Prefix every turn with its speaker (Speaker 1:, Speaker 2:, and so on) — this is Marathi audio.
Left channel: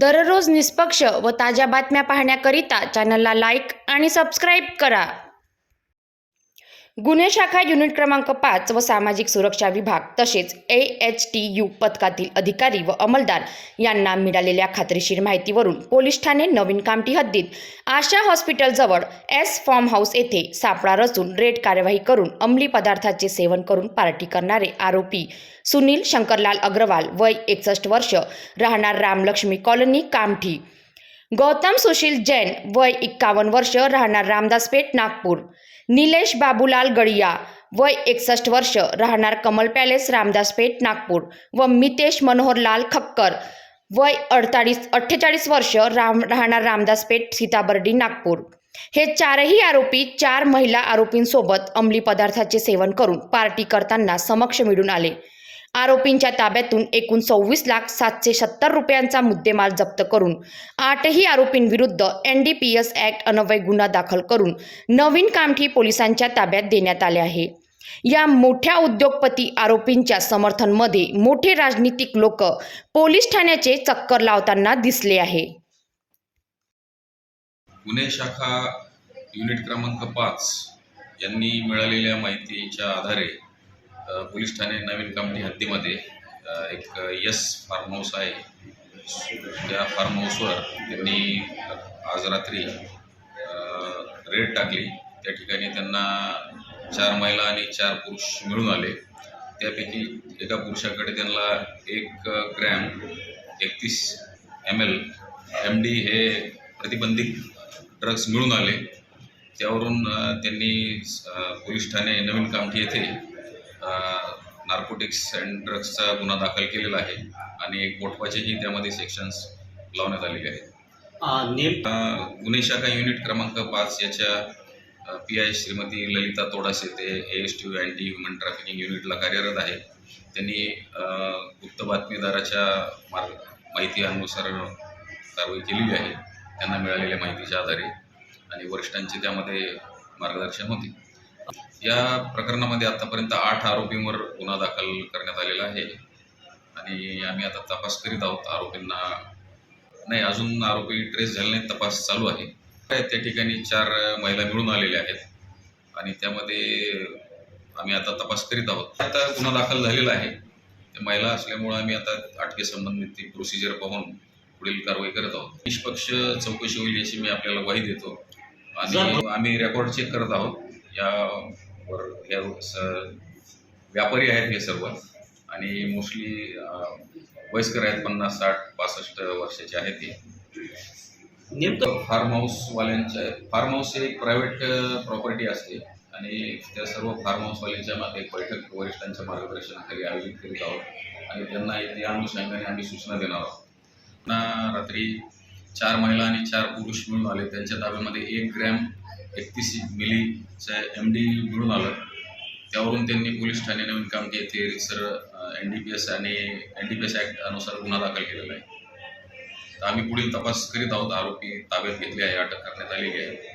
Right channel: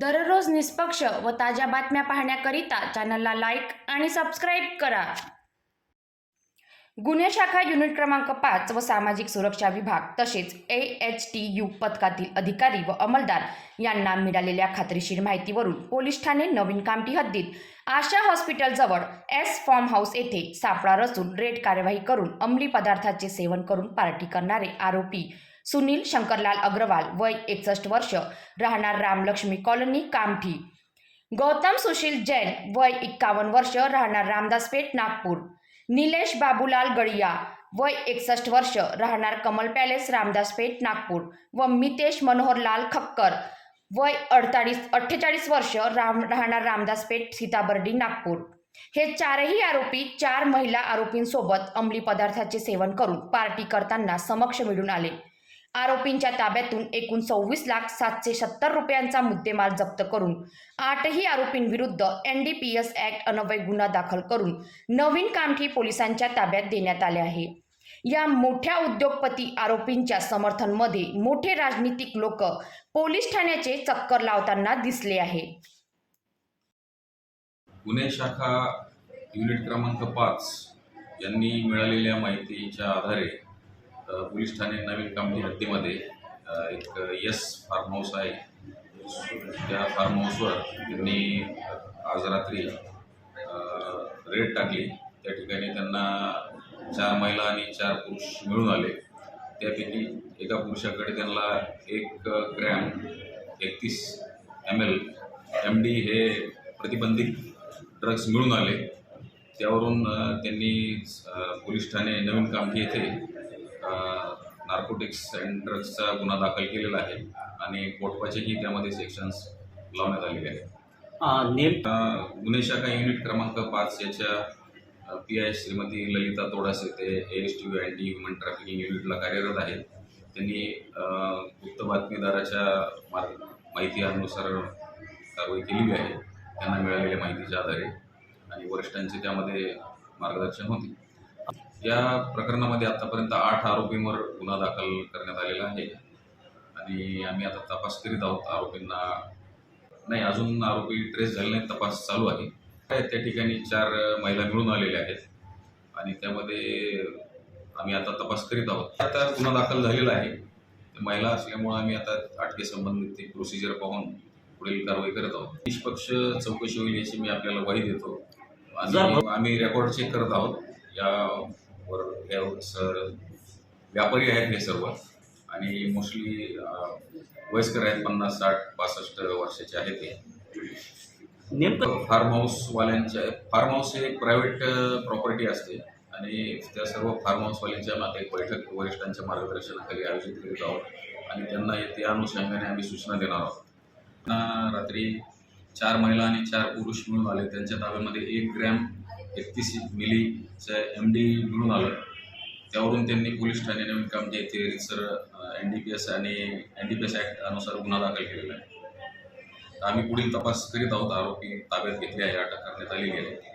Speaker 1: दररोज निष्पक्ष व ताज्या बातम्या पाहण्याकरिता चॅनलला लाईक आणि सबस्क्राईब करा. गुन्हे शाखा युनिट क्रमांक पाच व सामाजिक सुरक्षा विभाग तसेच ए एच टी यू पथकातील अधिकारी व अंमलदार यांना मिळालेल्या खात्रीशीर माहितीवरून पोलीस ठाणे नवीन कामठी हद्दीत आशा हॉस्पिटलजवळ एस फॉर्म हाऊस येथे सापळा रचून रेड कार्यवाही करून अंमली पदार्थाचे सेवन करून पार्टी करणारे आरोपी सुनील शंकरलाल अग्रवाल वय एकसष्ट वर्ष राहणार रामलक्ष्मी कॉलनी कामठी. गौतम सुशील जैन वय एक्कावन्न वर्ष राहणार रामदासपेठ नागपूर. निलेश बाबूलाल गडिया वय एकसष्ट वर्ष राहणार कमल पॅलेस रामदासपेठ नागपूर. व मितेश मनोहरलाल खक्कर वय अडताळीस अठ्ठेचाळीस वर्ष राम राहणार रामदासपेठ सीताबर्डी नागपूर. हे चारही आरोपी चार महिला आरोपींसोबत अंमली पदार्थाचे सेवन करून पार्टी करताना समक्ष मिळून आले. आरोपींच्या ताब्यातून एकूण सव्वीस लाख सातशे सत्तर रुपयांचा मुद्देमाल जप्त करून आठही आरोपींविरुद्ध N D P S act Anvay गुन्हा दाखल करून नवीन कामठी पोलिसांच्या ताब्यात देण्यात आले आहे. या मोठ्या उद्योगपती आरोपींच्या समर्थनमध्ये मोठे राजनीतिक लोक पोलीस ठाण्याचे चक्कर लावताना दिसले आहे.
Speaker 2: गुन्हे शाखा युनिट क्रमांक पाच यांनी मिळालेल्या माहितीच्या आधारे पोलीस ठाणे नवीन कामठी हद्दीमध्ये एक यस फार्म हाऊस आहे. त्या फार्म हाऊसवर त्यांनी आज रात्री रेड टाकली. त्या ठिकाणी त्यांना चार महिला आणि चार पुरुष मिळून आले. त्यापैकी एका पुरुषाकडे त्यांना एक ग्रॅम एकतीस एम एल एम डी हे प्रतिबंधित ड्रग्ज मिळून आले. त्यावरून त्यांनी पोलीस ठाणे नवीन कामठी येथे नार्कोटिक्स अँड ड्रग्जचा गुन्हा दाखल केलेला आहे आणि पोटवाचेही त्यामध्ये सेक्शन्स लावण्यात आलेले आहेत. गुन्हे शाखा युनिट क्रमांक पाच याच्या पी आय श्रीमती ललिता तोडासे ते A S T anti human trafficking युनिटला कार्यरत आहेत त्यांनी गुप्त बातमीदाराच्या मार्ग माहिती अनुसार कारवाई केलेली आहे. त्यांना मिळालेल्या माहितीच्या आधारे आणि वरिष्ठांचे त्यामध्ये मार्गदर्शन होते. या प्रकरणामध्ये आतापर्यंत आठ आरोपींवर गुन्हा दाखल करण्यात आलेला आहे. आणि आम्ही आता तपास करीत आहोत. आरोपींना नाही अजून आरोपी ट्रेस झाले नाही तपास चालू आहे. त्या ठिकाणी चार महिला मिळून आलेल्या आहेत. आणि त्यामध्ये आम्ही आता तपास करीत आहोत. आता गुन्हा दाखल झालेला आहे. ते महिला असल्यामुळं आम्ही आता अटके संबंधित ती प्रोसिजर पाहून पुढील कारवाई करत आहोत. निष्पक्ष चौकशी होईल याची मी आपल्याला ग्वाही देतो. आणि आम्ही रेकॉर्ड चेक करत आहोत. यावर या स- व्यापारी आहेत हे सर्व. आणि मोस्टली वयस्कर आहेत पन्नास साठ पासष्ट वर्षाचे आहेत हे.
Speaker 3: नेमकं
Speaker 2: फार्म हाऊसवाल्यांच्या फार्म हाऊस हे एक प्रायव्हेट प्रॉपर्टी असते. आणि त्या सर्व फार्म हाऊसवाल्यांच्या मागे एक बैठक वरिष्ठांच्या मार्गदर्शनाखाली आयोजित करीत आहोत. आणि त्यांना त्या अनुषंगाने आम्ही सूचना देणार आहोत. त्यांना रात्री चार महिला आणि चार पुरुष मिळून आले. त्यांच्या ताब्यामध्ये एक ग्रॅम एकतीस मिलीचं एम डी मिळून आलं. त्यावरून त्यांनी पोलीस ठाणे नवीन कामठी येथे रिसर एन डी पी एस आणि N D P S act अनुसार गुन्हा दाखल केलेला आहे. तर आम्ही पुढील तपास करीत आहोत. आरोपी ताब्यात घेतले आहे अटक करण्यात आलेली आहे.